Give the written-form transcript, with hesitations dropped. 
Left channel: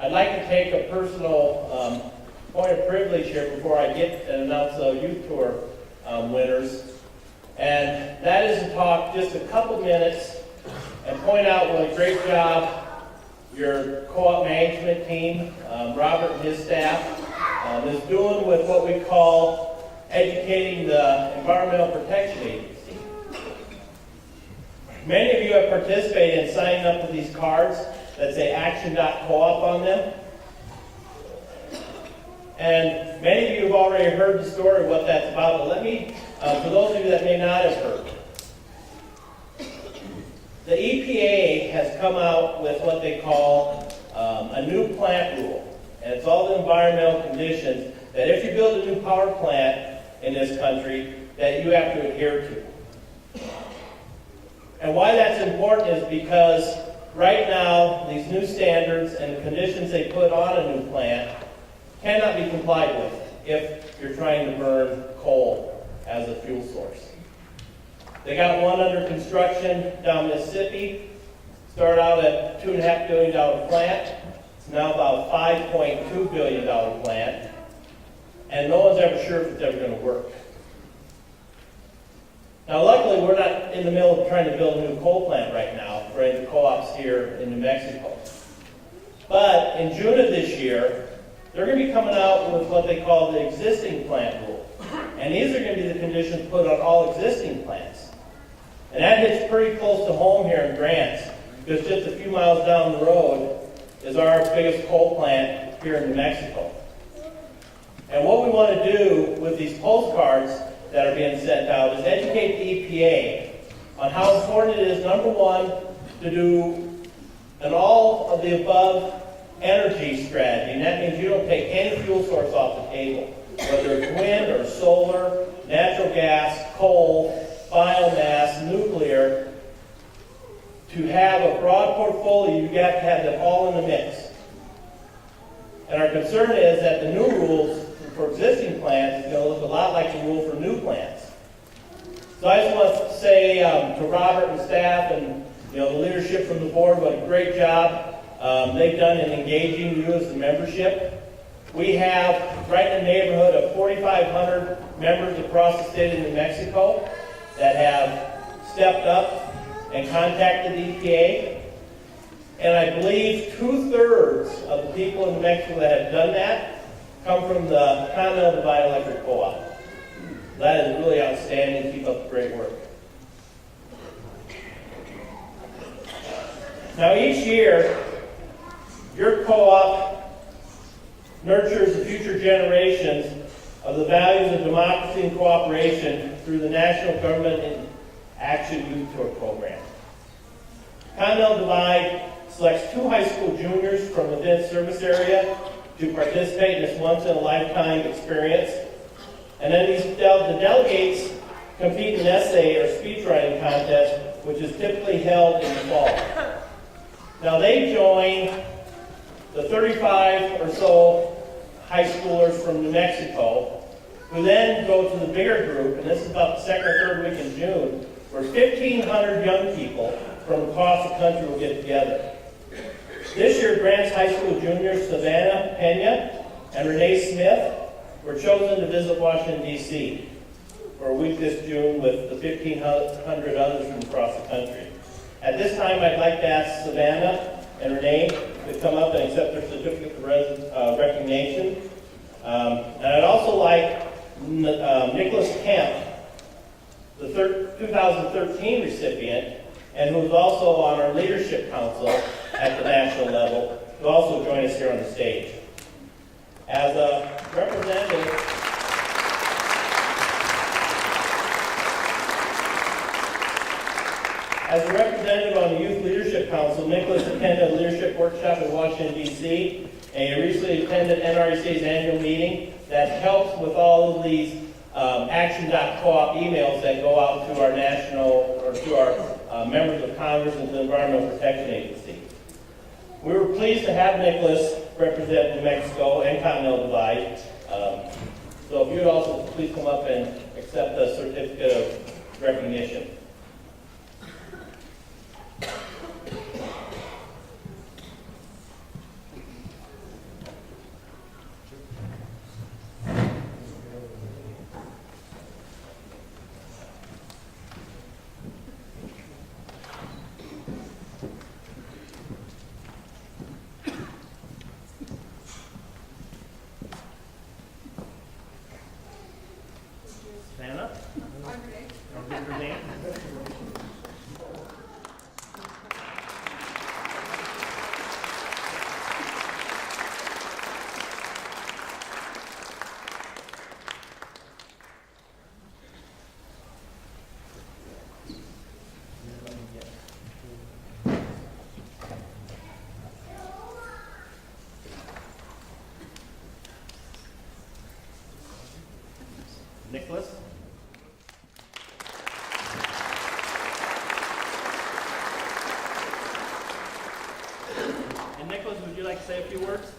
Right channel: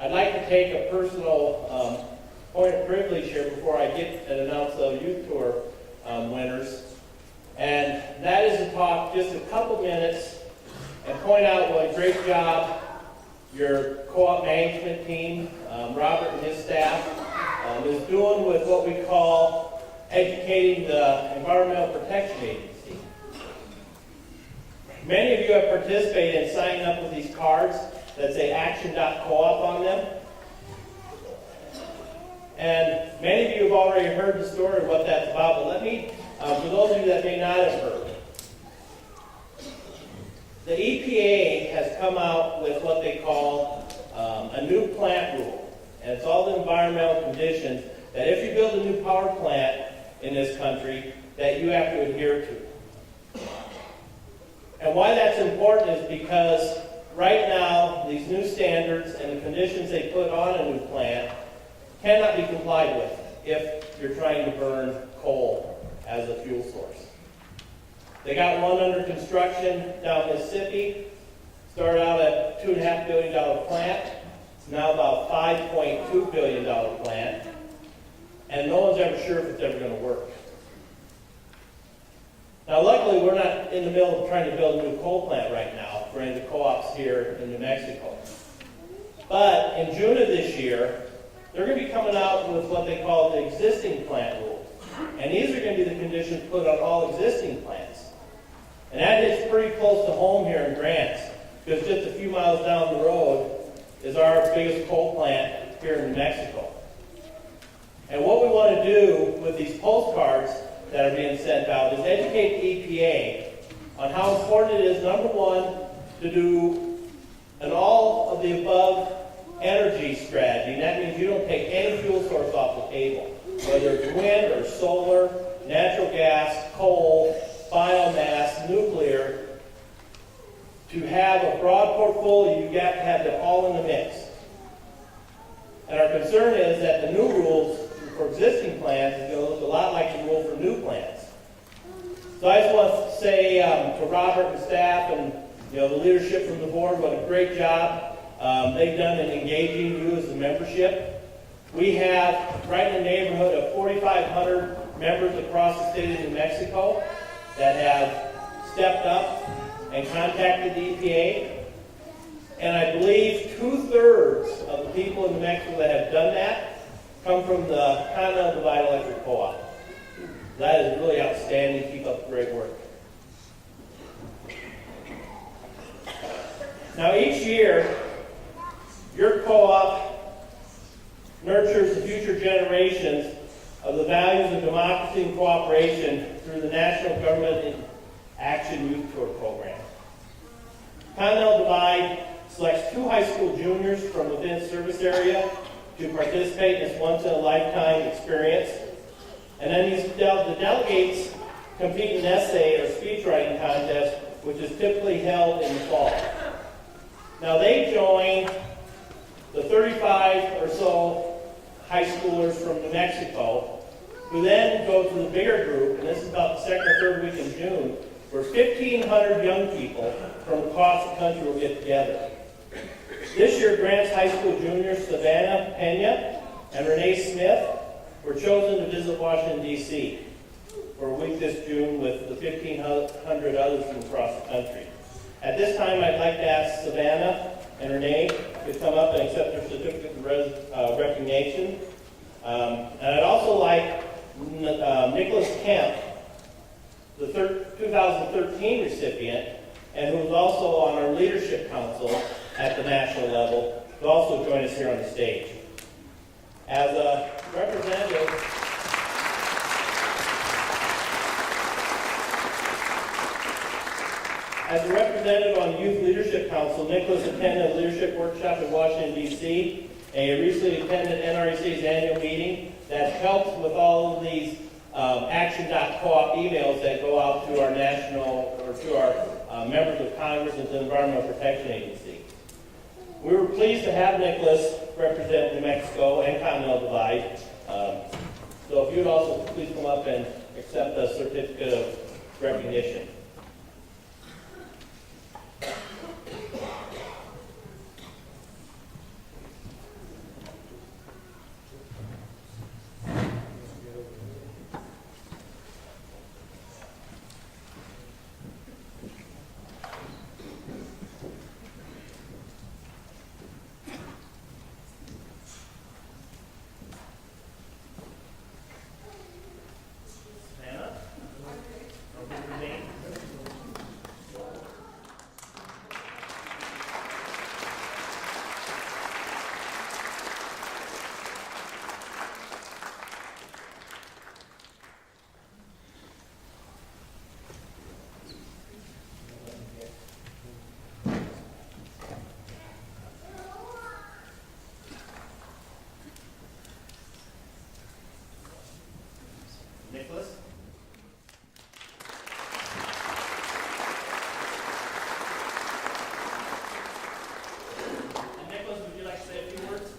I'd like to take a personal point of privilege here before I get and announce the youth tour winners. And that is to talk just a couple minutes and point out what a great job your co-op management team, Robert and his staff, is doing with what we call educating the Environmental Protection Agency. Many of you have participated in signing up with these cards that say action.coop on them. And many of you have already heard the story of what that's about, but let me, for those of you that may not have heard, the EPA has come out with what they call a new plant rule. And it's all the environmental conditions that if you build a new power plant in this country, that you have to adhere to. And why that's important is because right now, these new standards and the conditions they put on a new plant cannot be complied with if you're trying to burn coal as a fuel source. They got one under construction down Mississippi. Started out at $2.5 billion plant. It's now about a $5.2 billion plant. And no one's ever sure if it's ever going to work. Now, luckily, we're not in the middle of trying to build a new coal plant right now for any of the co-ops here in New Mexico. But in June of this year, they're going to be coming out with what they call the existing plant rule. And these are going to be the conditions put on all existing plants. And that hits pretty close to home here in Grants, because just a few miles down the road is our biggest coal plant here in New Mexico. And what we want to do with these postcards that are being sent out is educate the EPA on how important it is, number one, to do an all of the above energy strategy. And that means you don't take any fuel source off the table, whether it's wind or solar, natural gas, coal, biomass, nuclear. To have a broad portfolio, you have to have them all in the mix. And our concern is that the new rules for existing plants is going to look a lot like the rule for new plants. So I just want to say to Robert and staff and the leadership from the board, what a great job they've done in engaging you as the membership. We have right in the neighborhood of 4,500 members across the state of New Mexico that have stepped up and contacted the EPA. And I believe 2/3 of the people in New Mexico that have done that come from the Continental Divide Electric Co-op. That is really outstanding. Keep up the great work. Now each year, your co-op nurtures the future generations of the values of democracy and cooperation through the National Government in Action Youth Tour Program. Continental Divide selects 2 high school juniors from within its service area to participate in this once-in-a-lifetime experience. And then the delegates compete in an essay or speech writing contest, which is typically held in the fall. Now they join the 35 or so high schoolers from New Mexico, who then go to the bigger group, and this is about the second or third week in June, where 1,500 young people from across the country will get together. This year, Grants High School juniors Savannah, Pena, and Rene Smith were chosen to visit Washington, D.C. for a week this June with the 1,500 others from across the country. At this time, I'd like to ask Savannah and Rene to come up and accept their certificate of recognition. And I'd also like Nicholas Kemp, the 2013 recipient, and who is also on our leadership council at the national level, to also join us here on the stage. As a representative on the Youth Leadership Council, Nicholas attended a leadership workshop in Washington, D.C., and he recently attended NRECA's annual meeting that helps with all of these action.coop emails that go out to our national, or to our members of Congress and the Environmental Protection Agency. We were pleased to have Nicholas represent New Mexico and Continental Divide. So if you would also please come up and accept a certificate of recognition. Nicholas? And Nicholas, would you like to say a few words?